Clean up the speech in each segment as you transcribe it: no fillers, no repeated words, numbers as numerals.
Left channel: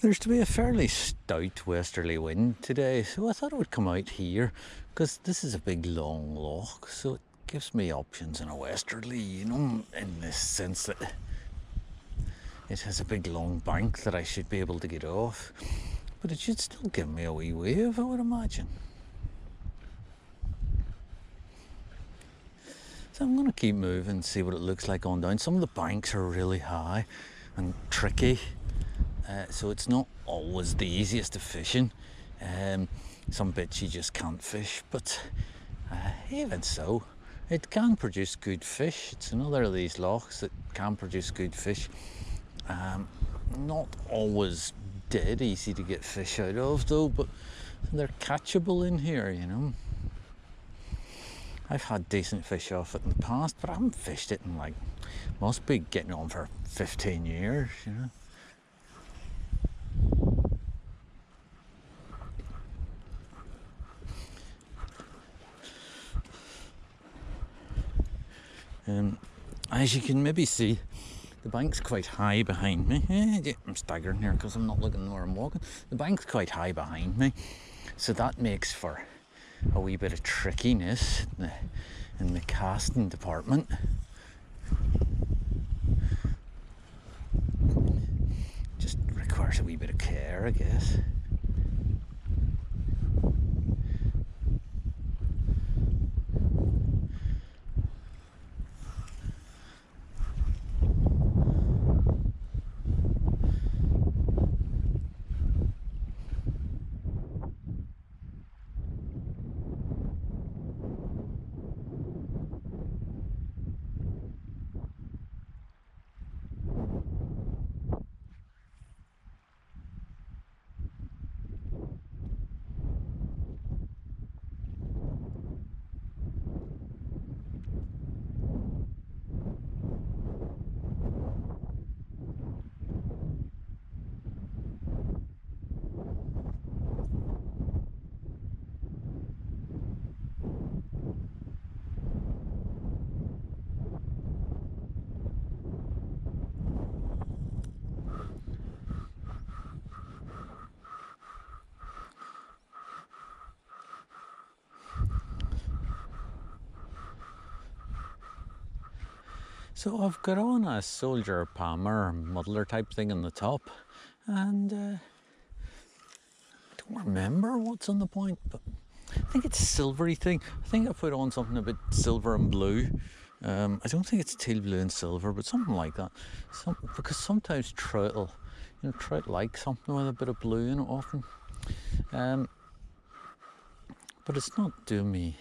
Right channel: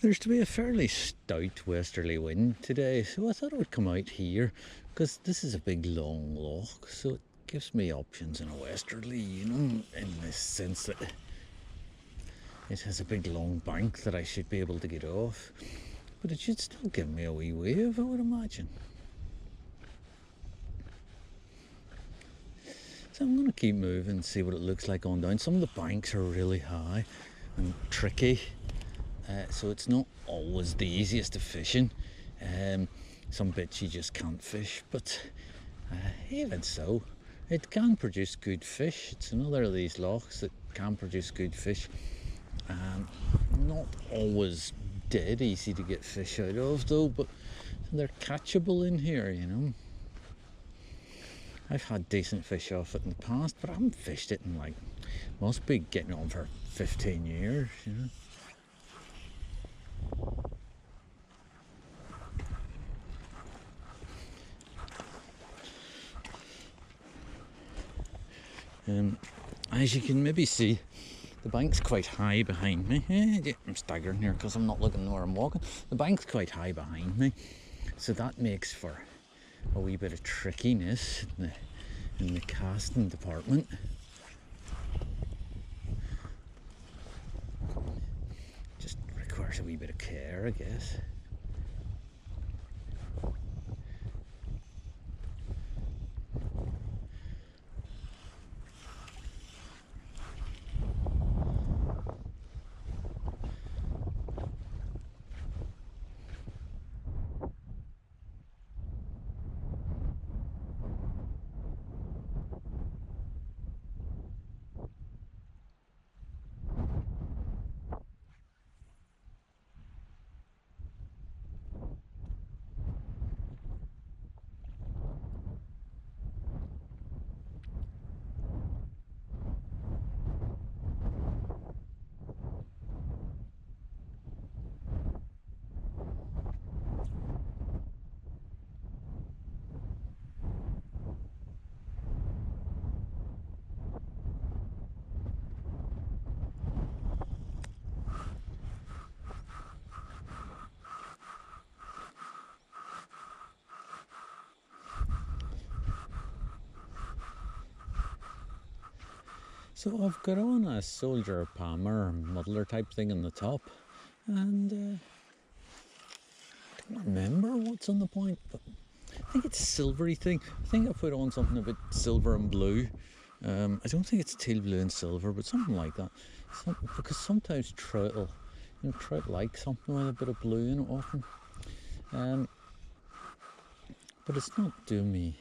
There's to be a fairly stout westerly wind today, so I thought I would come out here because this is a big long loch, so it gives me options in a westerly, in the sense that it has a big long bank that I should be able to get off, but it should still give me a wee wave, I would imagine. So I'm going to keep moving, see what it looks like on down. Some of the banks are really high and tricky, so it's not always the easiest of fishing. Some bits you just can't fish, but even so, it can produce good fish. It's another of these lochs that can produce good fish. Not always dead easy to get fish out of though, but they're catchable in here, I've had decent fish off it in the past, but I haven't fished it in must be getting on for 15 years, As you can maybe see, the bank's quite high behind me. I'm staggering here because I'm not looking where I'm walking. The bank's quite high behind me, so that makes for a wee bit of trickiness in the casting department. Just requires a wee bit of care, I guess. So I've got on a soldier palmer muddler type thing on the top, and don't remember what's on the point, but I think it's a silvery thing. I think I put on something a bit silver and blue. I don't think it's teal blue and silver, but something like that. Because sometimes trout like something with a bit of blue in it often. But it's not doing me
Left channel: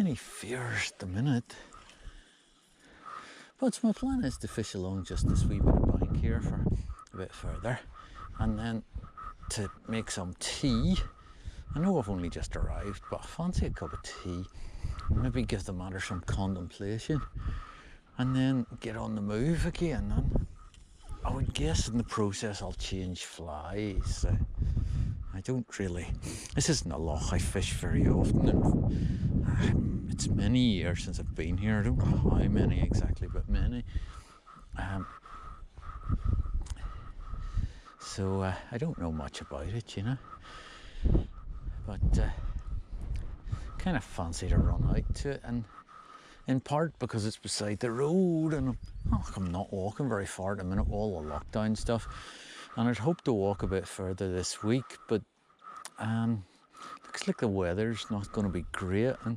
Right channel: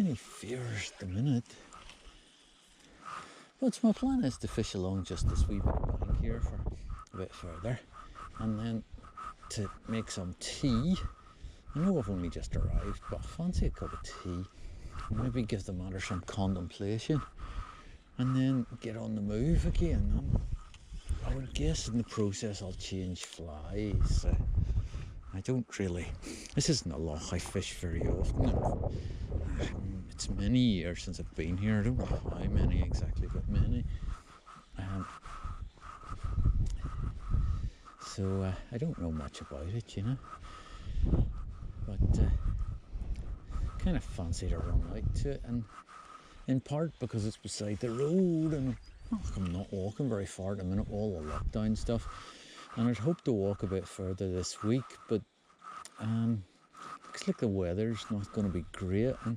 any fears at the minute. But my plan is to fish along just this wee bit of bank here for a bit further, and then to make some tea. I know I've only just arrived, but I fancy a cup of tea, and maybe give the matter some contemplation, and then get on the move again. And I would guess in the process I'll change flies. I don't really, this isn't a loch I fish very often, and it's many years since I've been here. I don't know how many exactly, but many. So I don't know much about it, but kind of fancy to run out to it, and in part because it's beside the road, and I'm not walking very far at the minute, all the lockdown stuff, and I'd hoped to walk a bit further this week, but looks like the weather's not going to be great, and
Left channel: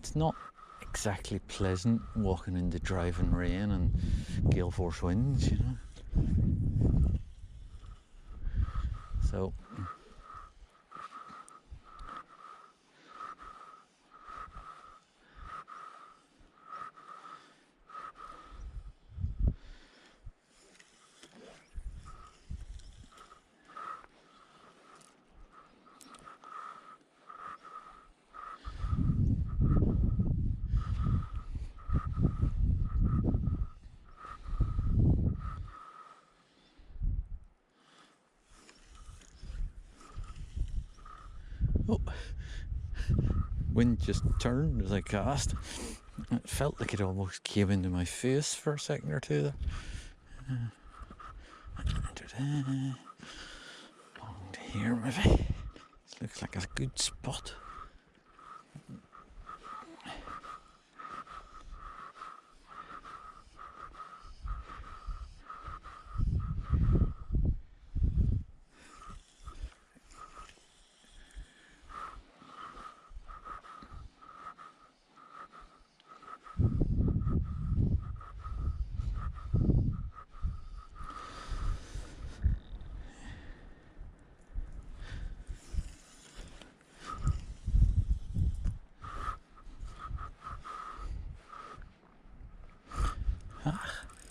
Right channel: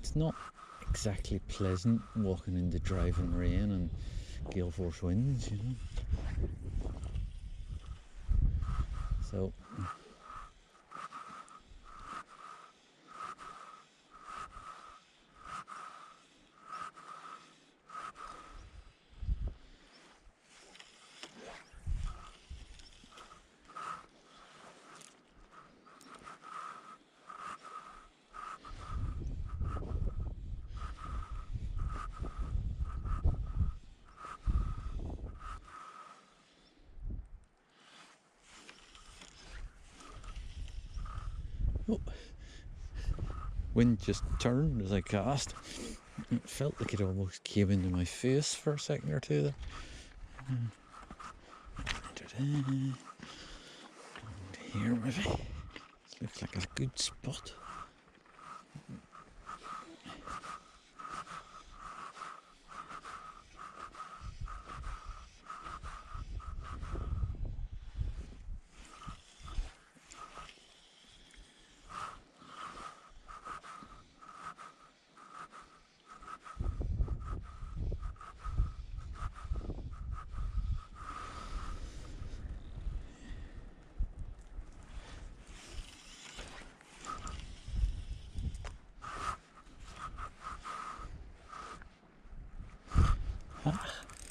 it's not exactly pleasant walking in the driving rain and gale force winds, So oh, wind just turned as I cast. It felt like it almost came into my face for a second or two there. here maybe. This looks like a good spot.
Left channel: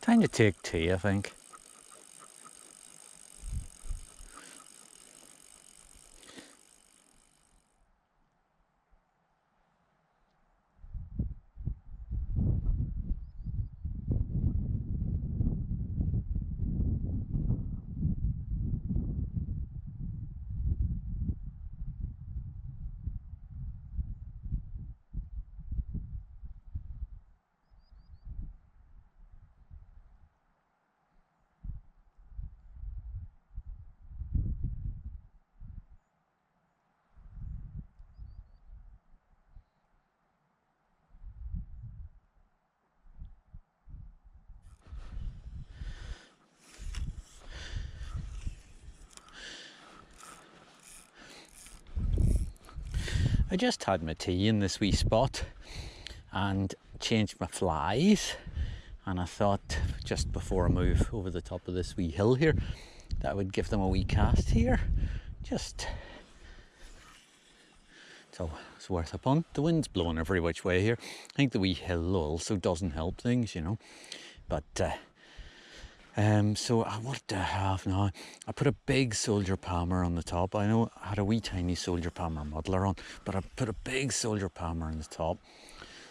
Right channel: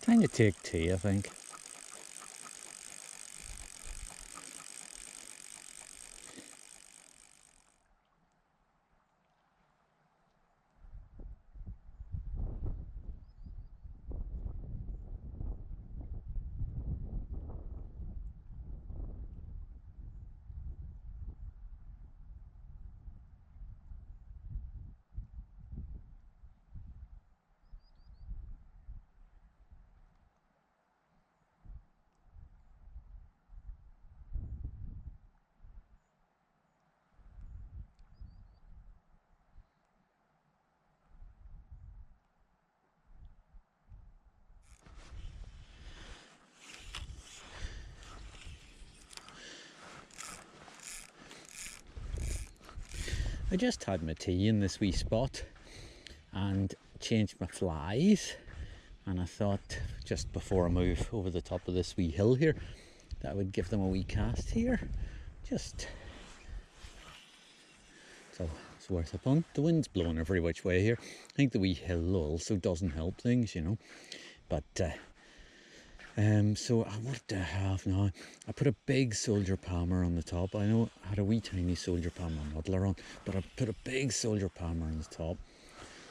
Time to take tea, I think. I just had my tea in this wee spot and changed my flies, and I thought just before I move over the top of this wee hill here that I would give them a wee cast here, just so it's worth a punt. The wind's blowing every which way here. I think the wee hill also doesn't help things, you know, but so what do I have now? I put a big soldier palmer on the top. I know I had a wee tiny soldier palmer muddler on, but I put a big soldier palmer on the top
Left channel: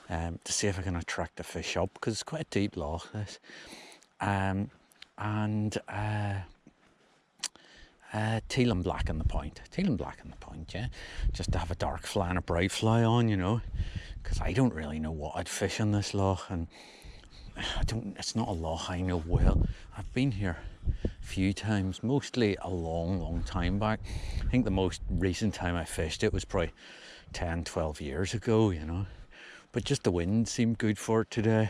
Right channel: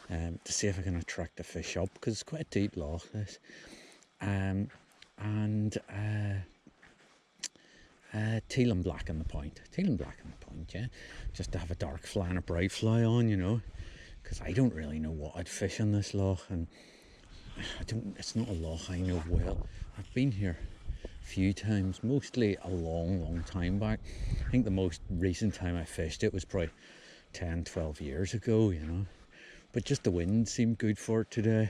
to see if I can attract the fish up, because it's quite a deep loch this. Teal and black in the point. Teal and black in the point, yeah. Just to have a dark fly and a bright fly on, you know, because I don't really know what I'd fish in this loch, and it's not a loch I know well. I've been here a few times, mostly a long time back. I think the most recent time I fished it was probably 10-12 years ago, you know, but just the wind seemed good for it today,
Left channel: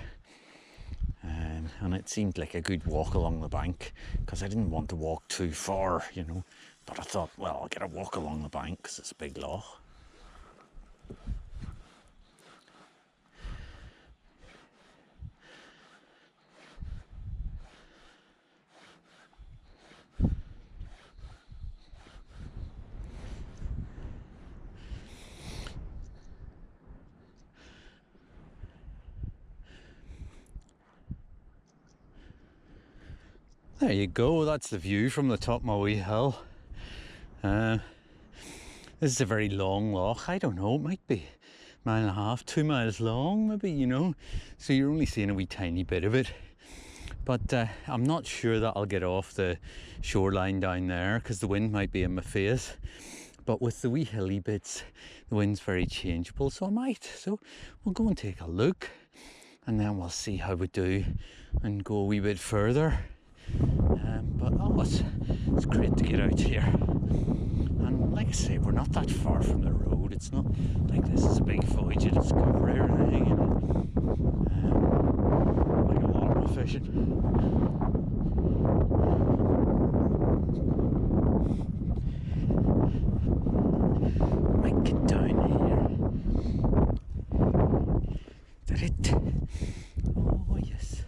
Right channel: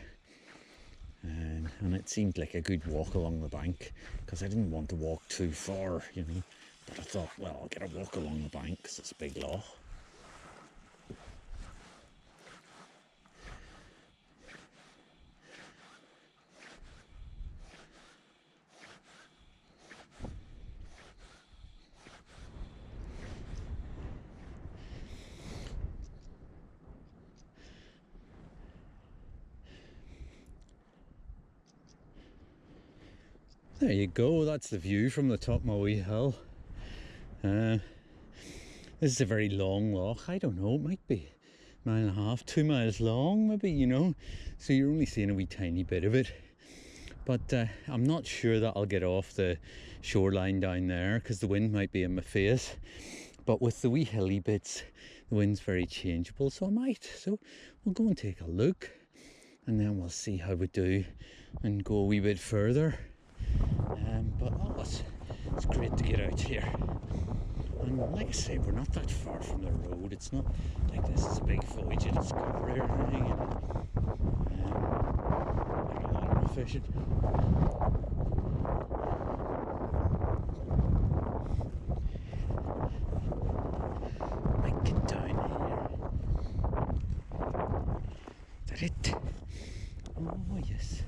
and it seemed like a good walk along the bank, because I didn't want to walk too far, you know, but I thought, well, I'll get a walk along the bank because it's a big loch. There you go, that's the view from the top of my wee hill. This is a very long loch. I don't know, it might be a mile and a half, 2 miles long maybe, you know, so you're only seeing a wee tiny bit of it. But I'm not sure that I'll get off the shoreline down there, because the wind might be in my face. But with the wee hilly bits, the wind's very changeable, so I might. So we'll go and take a look, and then we'll see how we do and go a wee bit further. But it's great to get out here. And like I say, we're not that far from the road. It's not like this is a big voyage of discovery or anything, you know. Like a larval fishing. Might get down here. Is that it? Oh yes.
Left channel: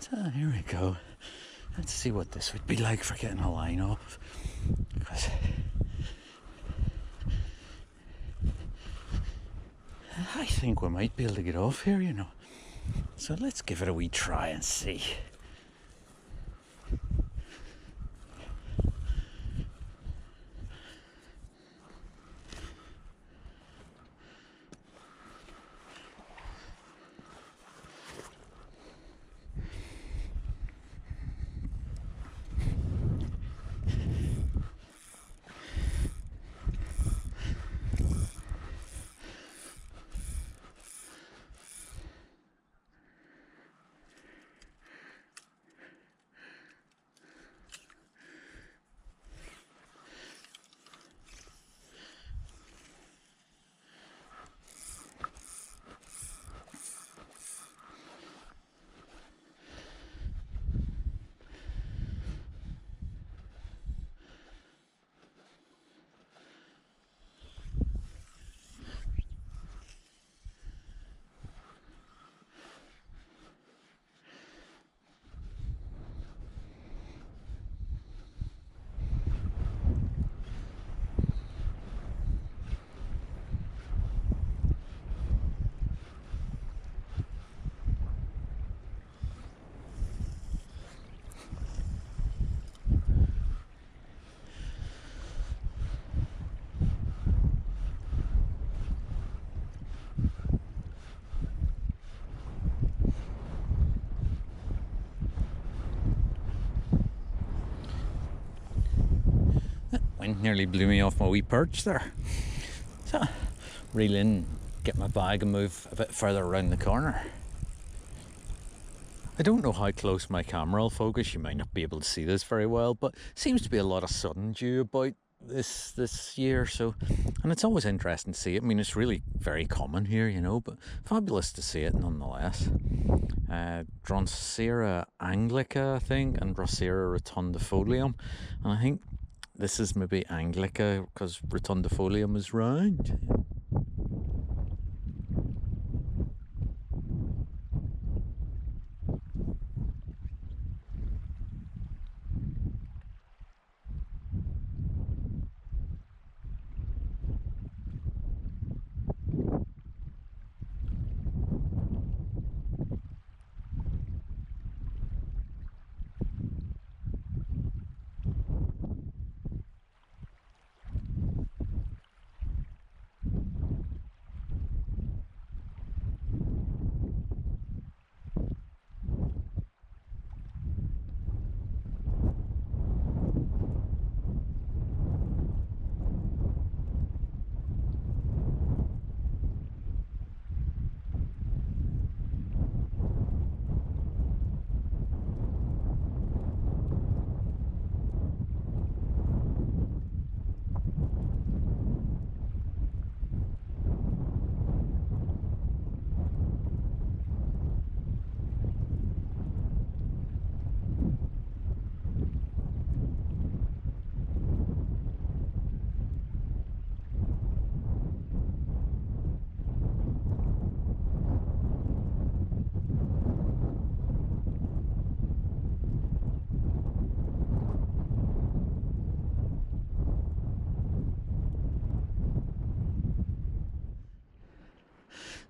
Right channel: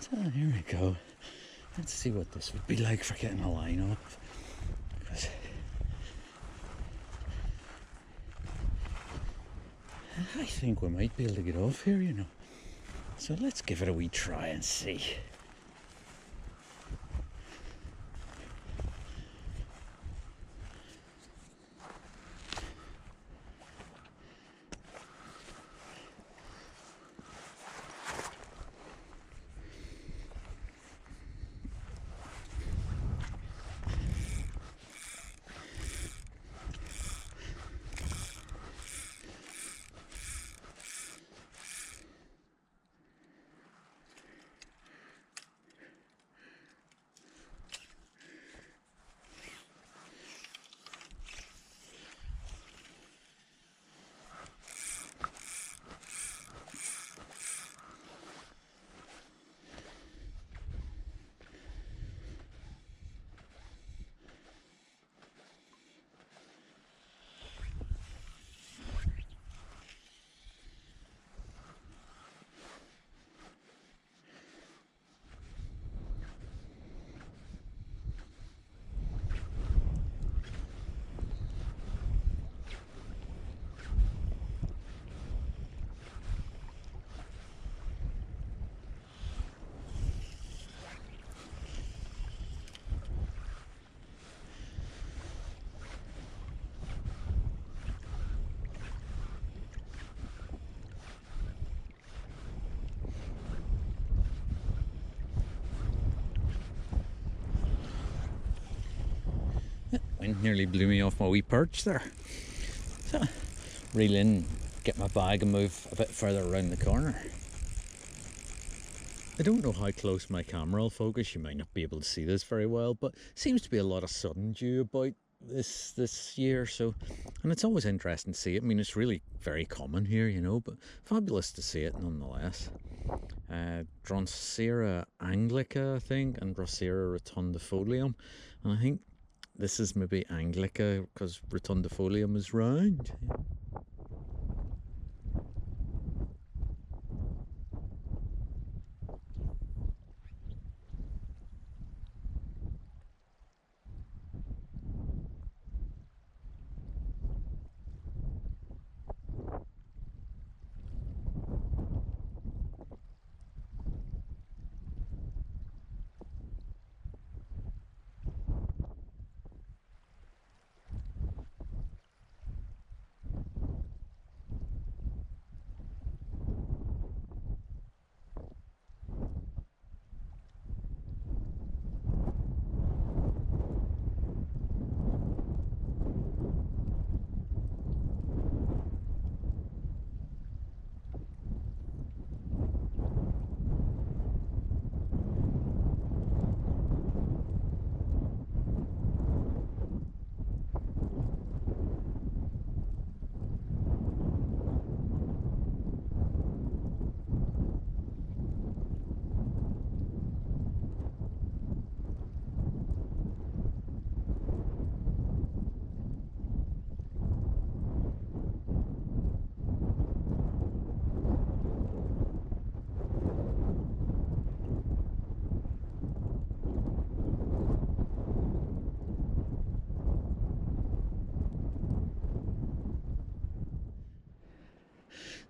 So here we go. Let's see what this would be like for getting a line off. Because I think we might be able to get off here, you know. So let's give it a wee try and see. wind nearly blew me off my wee perch there. So, reel in, get my bag and move a bit further around the corner. I don't know how close my camera will focus, you might not be able to see this very well, but seems to be a lot of sun dew about this year, so, and it's always interesting to see it. I mean, it's really very common here, you know, but fabulous to see it nonetheless. Drosera anglica, I think, and Drosera rotundifolium, and I think this is maybe anglica because rotundifolium is round.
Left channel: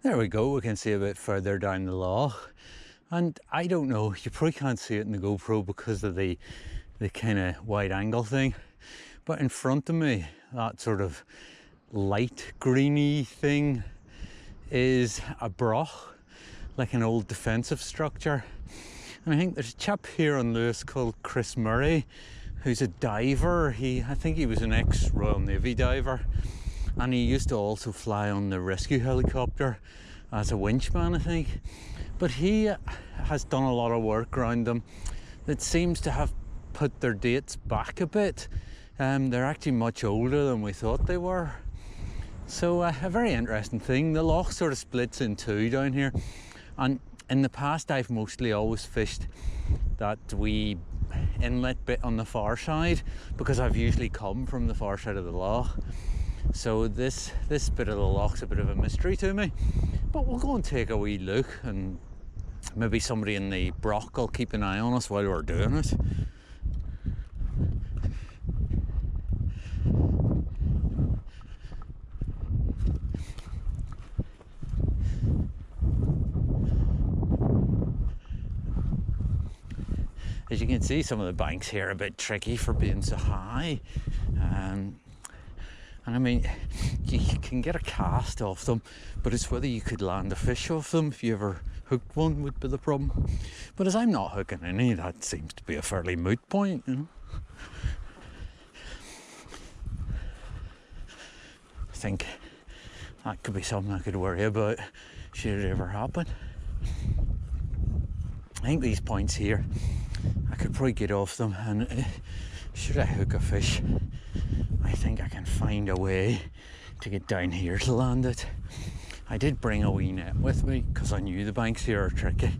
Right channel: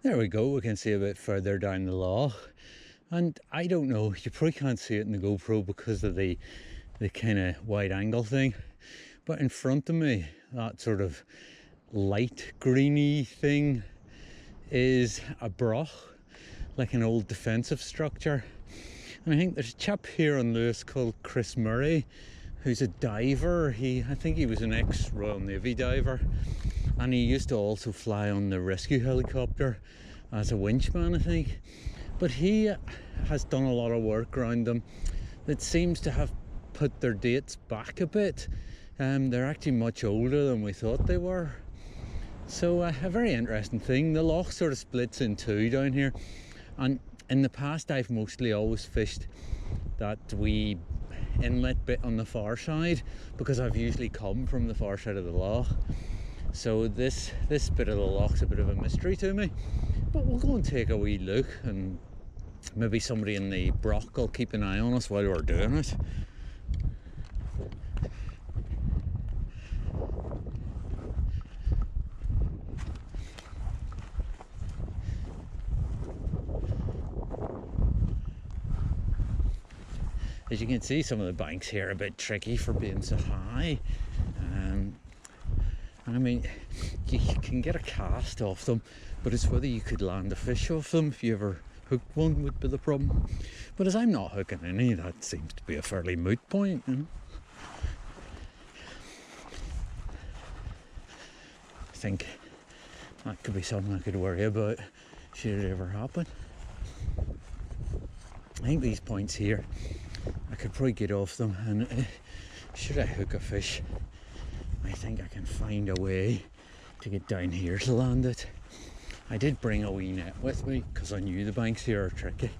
There we go, we can see a bit further down the loch. And I don't know, you probably can't see it in the GoPro because of the kind of wide angle thing. But in front of me, that sort of light greeny thing is a broch, like an old defensive structure. And I think there's a chap here on Lewis called Chris Murray, who's a diver. I think he was an ex-Royal Navy diver. And he used to also fly on the rescue helicopter as a winchman, I think. But he has done a lot of work around them that seems to have put their dates back a bit. They're actually much older than we thought they were. So a very interesting thing. The loch sort of splits in two down here. And in the past, I've mostly always fished that wee inlet bit on the far side because I've usually come from the far side of the loch. So this bit of the loch's a bit of a mystery to me, but we'll go and take a wee look, and maybe somebody in the broch will keep an eye on us while we're doing it. As you can see, some of the banks here are a bit tricky for being so high. And I mean, you can get a cast off them, but it's whether you could land a fish off them. If you ever hooked one would be the problem. But as I'm not hooking any, that seems to be a fairly moot point, you know. I think that could be something I could worry about should it ever happen. I think these points here, I could probably get off them, and should I hook a fish, I think I can find a way to get down here to land it. I did bring a wee net with me because I knew the banks here are tricky,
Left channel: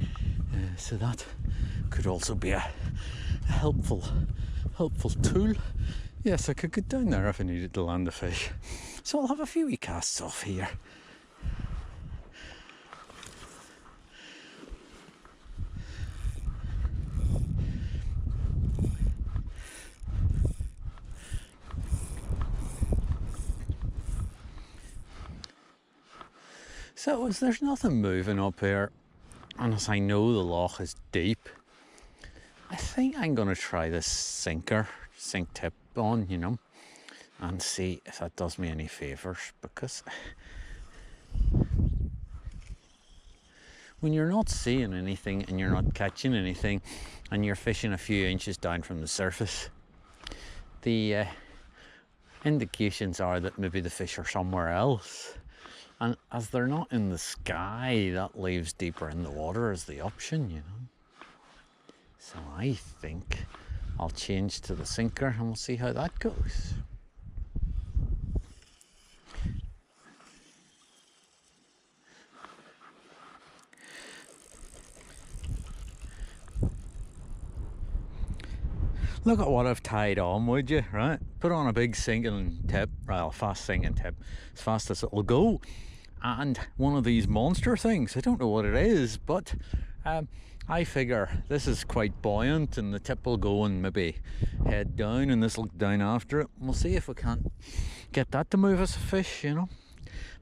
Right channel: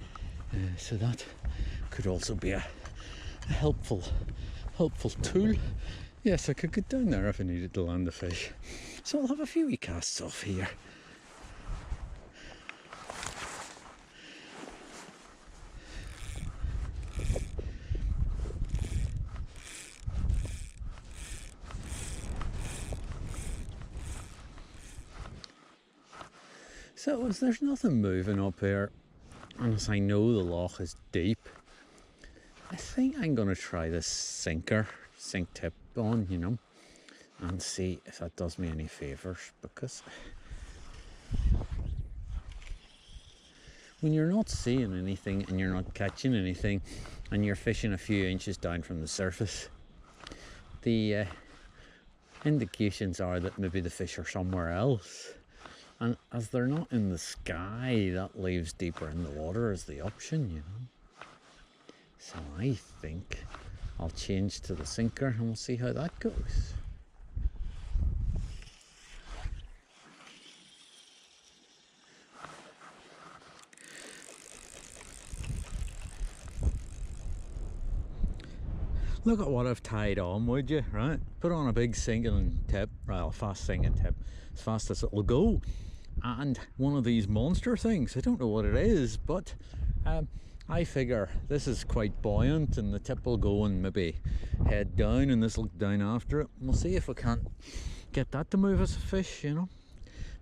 so that could also be a helpful tool. Yes, I could get down there if I needed to land a fish. So I'll have a few wee casts off here. So as there's nothing moving up here, and as I know the loch is deep, I think I'm going to try this sink tip on, you know, and see if that does me any favours, because when you're not seeing anything and you're not catching anything and you're fishing a few inches down from the surface, the indications are that maybe the fish are somewhere else. And as they're not in the sky, that leaves deeper in the water as the option, you know. So I think I'll change to the sinker and we'll see how that goes. Look at what I've tied on, would you, right? Put on a big sinking tip, well, fast sinking tip, as fast as it'll go. And one of these monster things, I don't know what it is, but I figure this is quite buoyant and the tip will go and maybe head down and this will go down after it. We'll see if we can't get that to move us a fish, you know.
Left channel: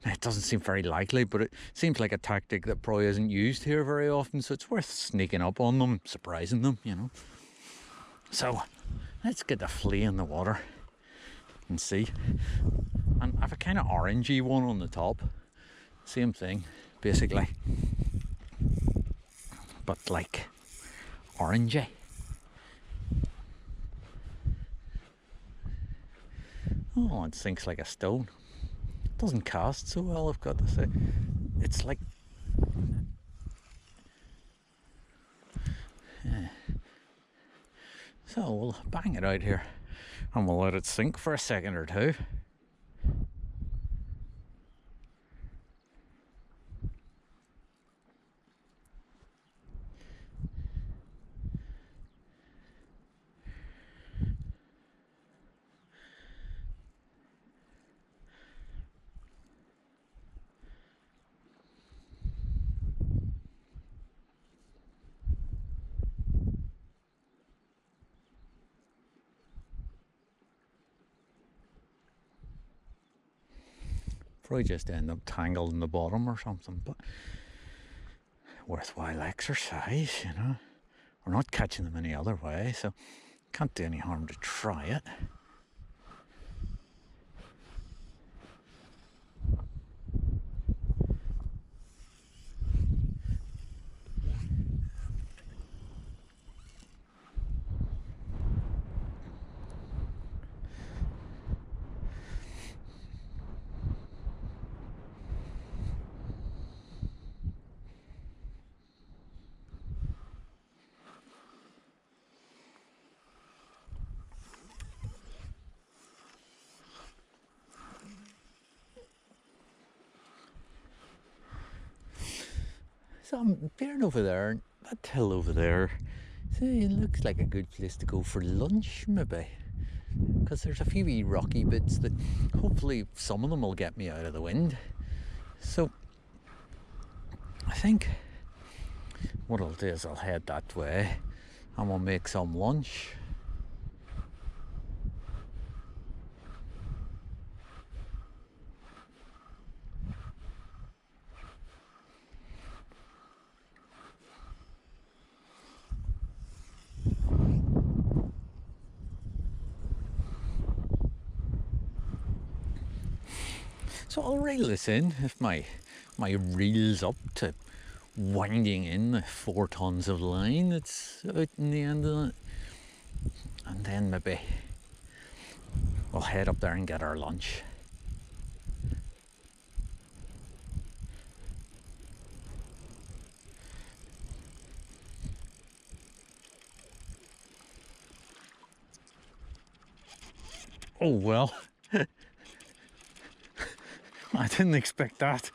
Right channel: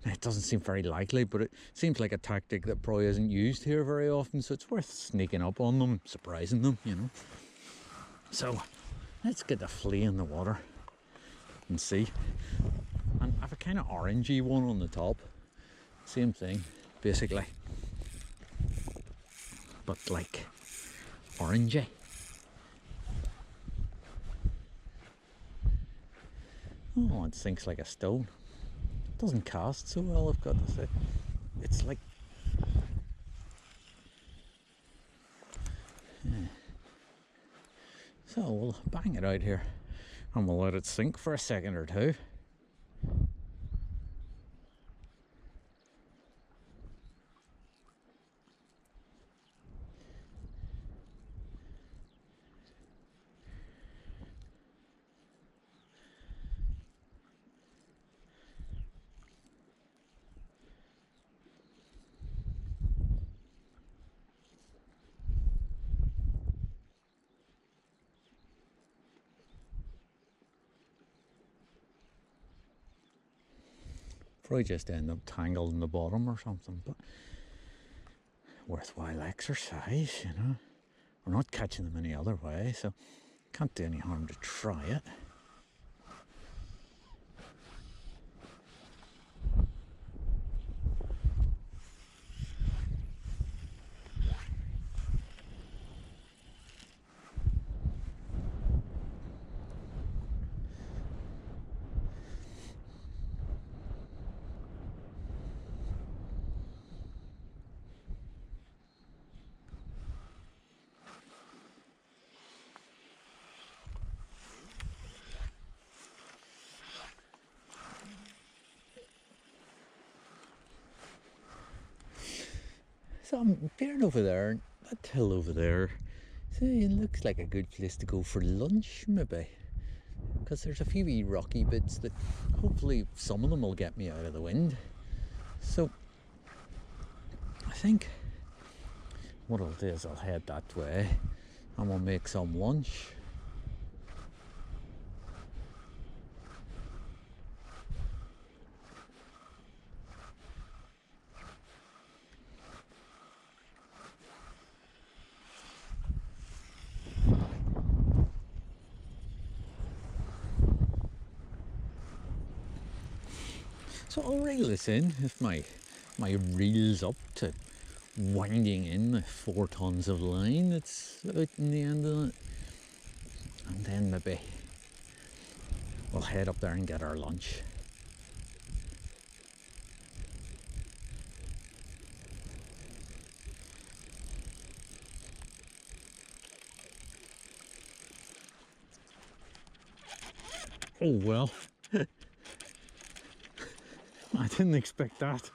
It doesn't seem very likely, but it seems like a tactic that probably isn't used here very often, so it's worth sneaking up on them, surprising them, you know. So let's get the flea in the water and see. And I have a kind of orangey one on the top. Same thing, basically. But like orangey. Oh, it sinks like a stone. It doesn't cast so well, I've got to say. It's like... Yeah. So we'll bang it out here and we'll let it sink for a second or two. Probably just end up tangled in the bottom or something, but worthwhile exercise, you know. We're not catching them any other way, so can't do any harm to try it. So I'm peering over there, that hill over there. See, it looks like a good place to go for lunch, maybe. Because there's a few wee rocky bits that hopefully some of them will get me out of the wind. So I think what I'll do is I'll head that way and we'll make some lunch. So I'll reel this in if my reel's up to winding in the 4 tons of line that's out in the end of it. And then maybe we'll head up there and get our lunch. Oh well. I didn't expect that.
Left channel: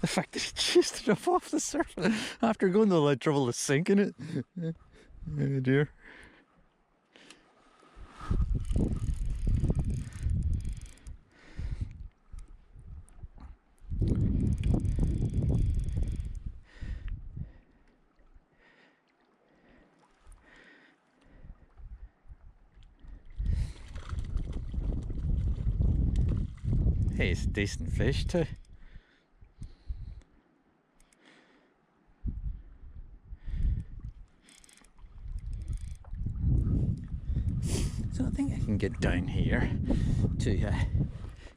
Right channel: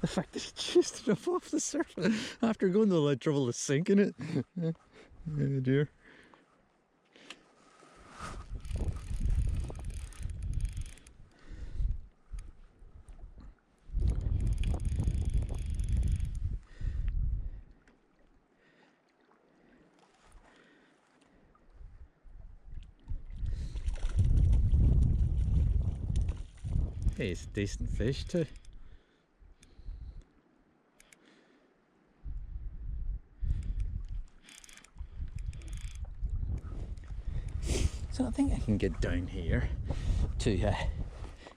The fact that he chased it up off the surface after going to the trouble of sinking it. Oh dear. Hey, it's a decent fish too. So I think I can get down here to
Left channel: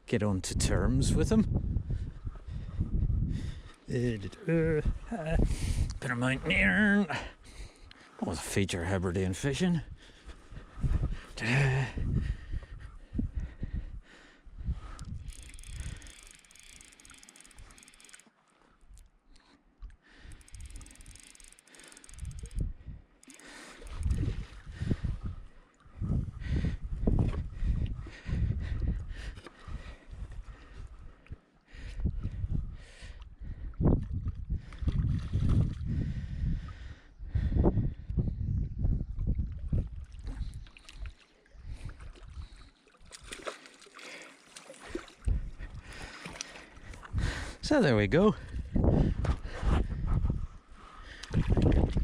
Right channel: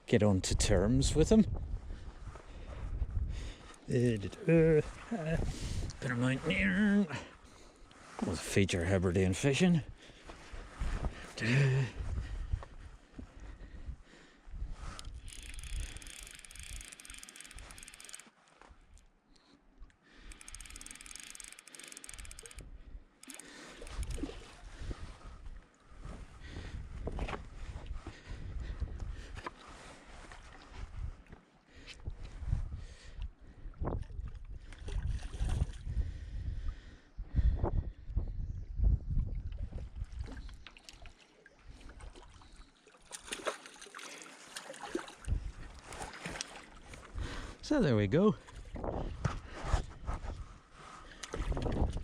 get on to terms with him. Bit of mountaineering. That was a feature of Hebridean fishing. So there we go.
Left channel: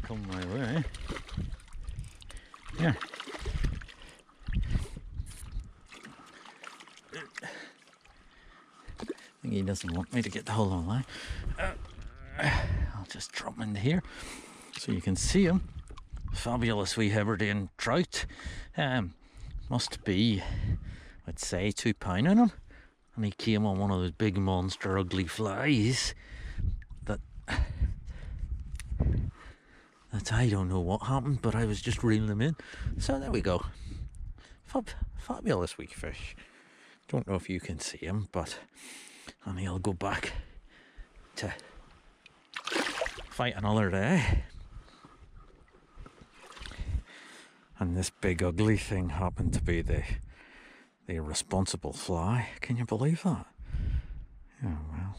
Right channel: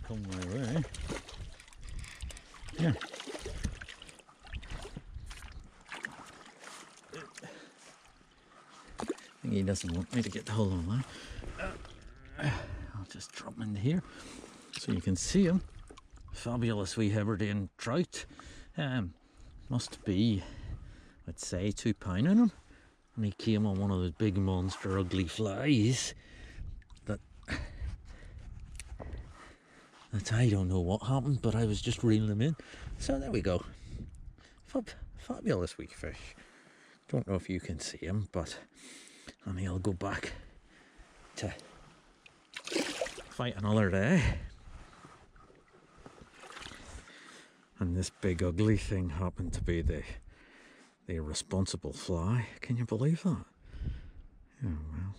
Come my way. Yeah. I think he doesn't want me to get the whole line. I'll just drop him into here so you can see him. Fabulous wee Hebridean trout. Must be, I'd say, £2 in him. And he came on one of those big monster ugly flies that I don't know what happened, but I was just reeling them in. So there we go. Fabulous wee fish. Don't know if you can see him, but and he'll go back to fight another day. And this big ugly thing happened to be the irresponsible fly. Can you believe that? Yeah, well,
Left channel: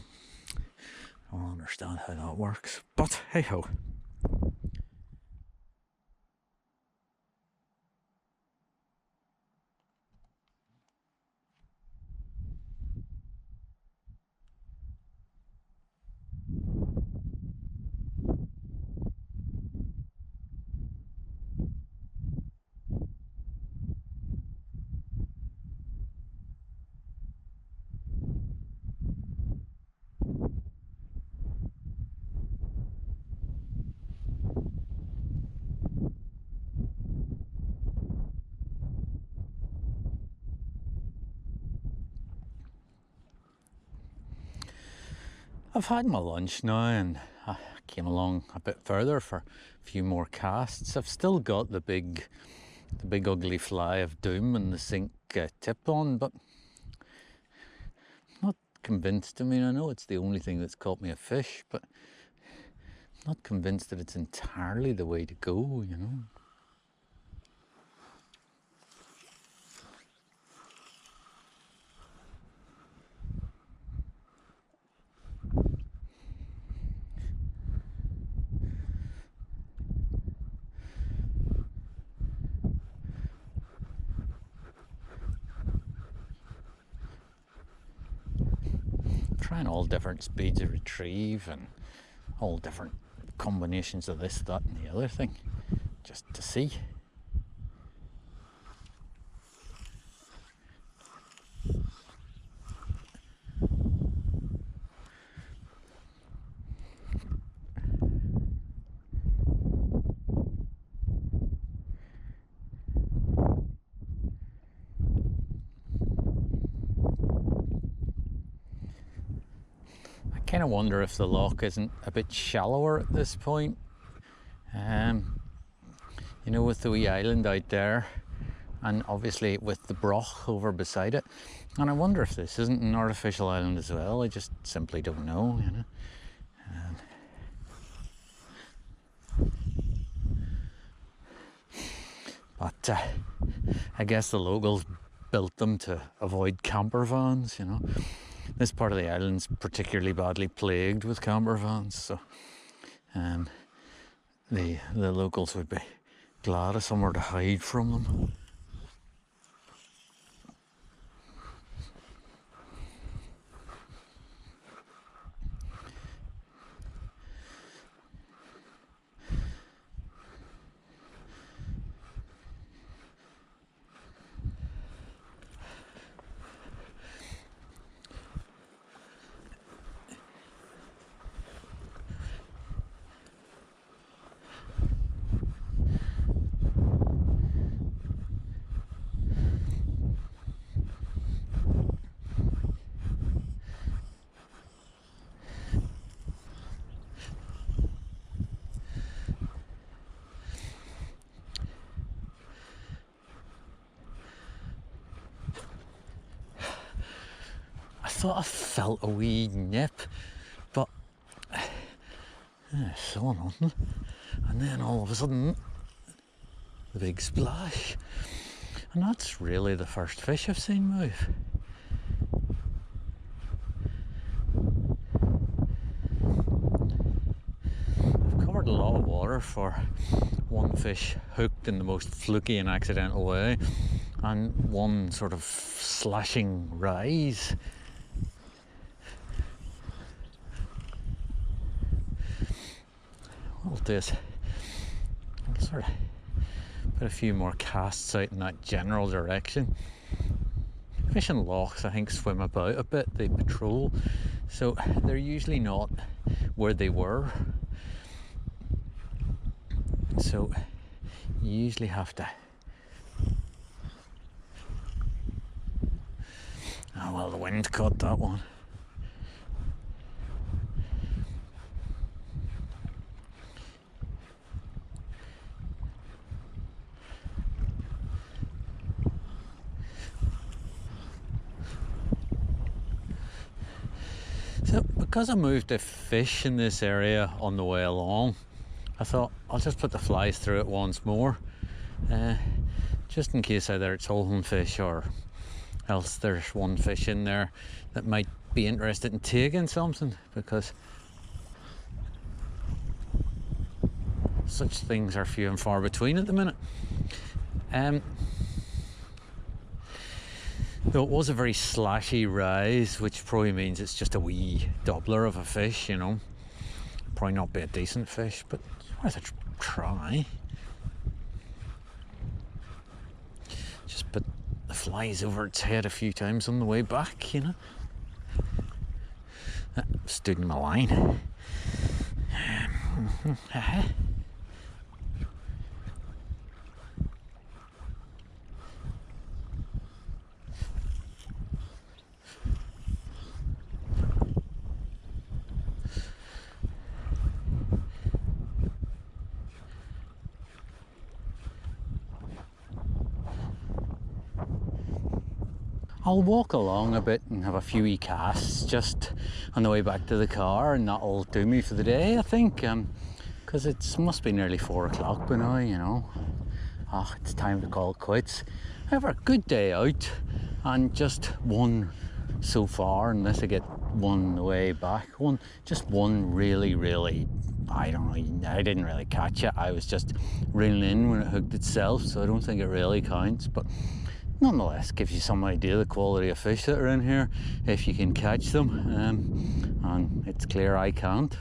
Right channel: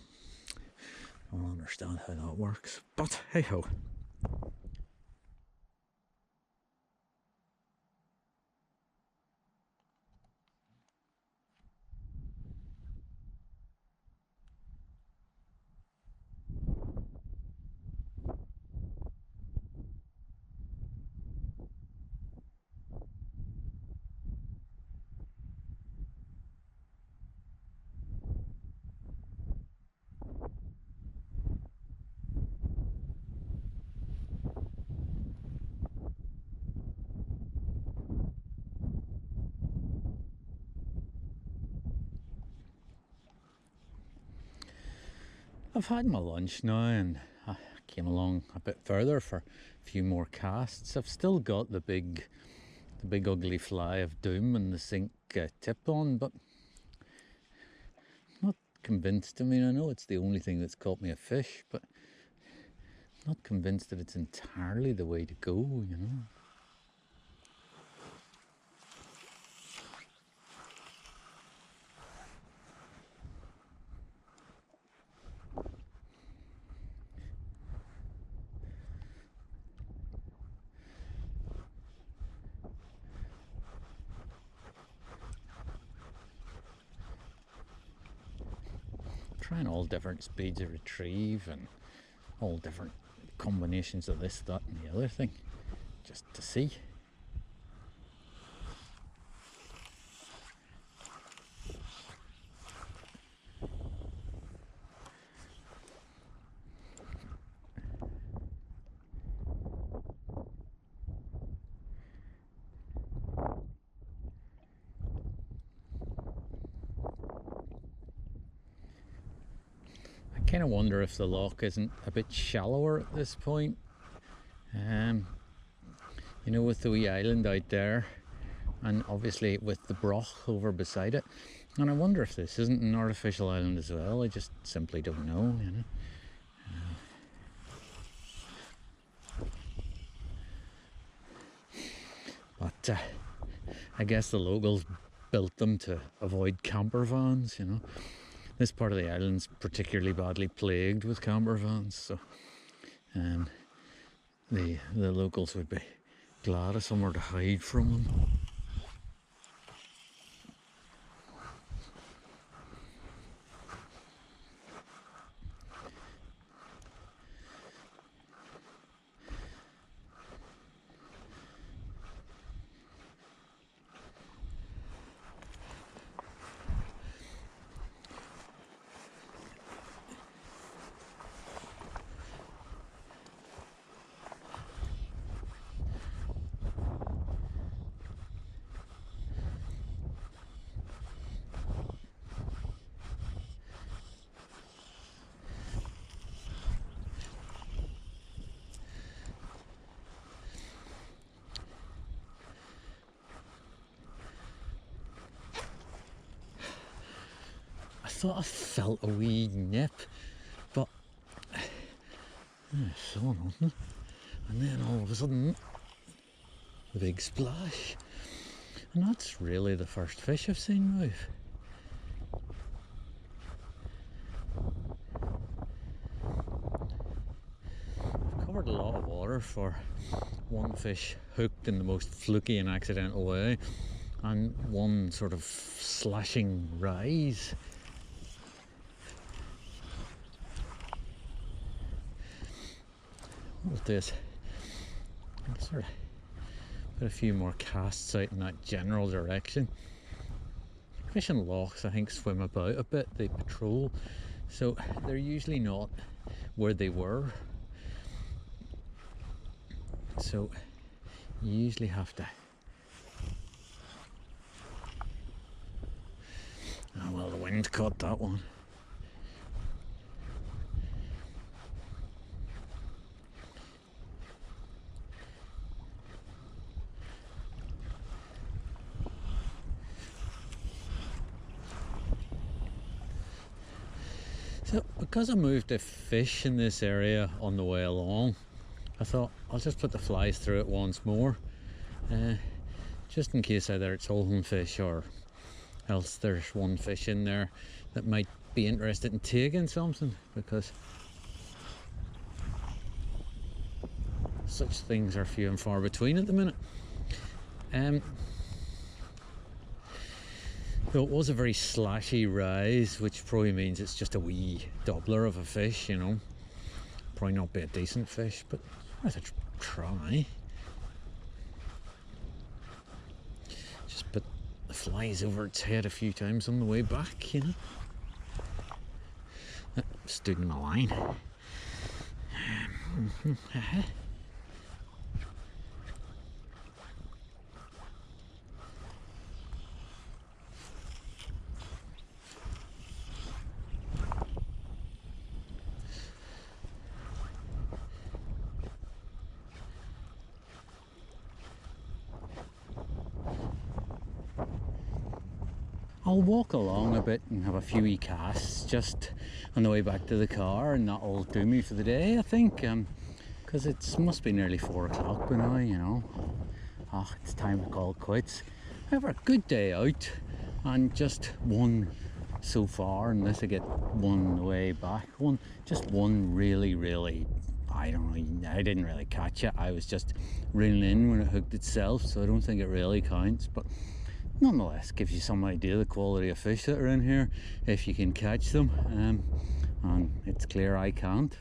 I don't understand how that works, but hey ho. I've had my lunch now and I came along a bit further for a few more casts. I've still got the big ugly fly of doom and the sink tip on, but not convinced. I mean, I know it's the only thing that's caught me a fish, but not convinced that it's entirely the way to go, you know. Trying all different speeds of retrieve and all different combinations of this, that and the other thing, just to see. I kind of wonder if the loch isn't a bit shallower at this point. You know, with the wee island out there, and obviously with the broch over beside it. And I wonder if this isn't an artificial island as well. I just simply don't know, you know. But I guess the locals built them to avoid camper vans, you know. This part of the island's particularly badly plagued with camper vans, so the locals would be glad of somewhere to hide from them. thought I felt a wee nip, but I saw nothing. And then all of a sudden, the big splash. And that's really the first fish I've seen move. I've covered a lot of water for one fish hooked in the most fluky and accidental way, and one sort of slashing rise. What I'll do is I'll sort of put a few more casts out in that general direction. Fish in lochs, I think, swim about a bit, they patrol, so they're usually not where they were. So you usually have to... Oh well, the wind caught that one. So because I moved a fish in this area on the way along, I thought I'll just put the flies through it once more, just in case either it's holding fish or else there's one fish in there that might be interested in taking something, because such things are few and far between at the minute. Though it was a very slashy rise, which probably means it's just a wee doubler of a fish, you know. Probably not be a decent fish, but worth a try. Just put the flies over its head a few times on the way back, you know. Stood in my line. I'll walk along a bit and have a few wee casts just on the way back to the car, and that'll do me for the day, I think, because it must be nearly 4 o'clock by now, you know. Oh, it's time to call it quits. However, a good day out, and just one so far, unless I get one on the way back. Just one really, I don't know, I didn't really catch it. I was just reeling in when it hooked itself, so I don't think it really counts, but nonetheless gives you some idea of the quality of fish that are in here if you can catch them, and it's clear I can't.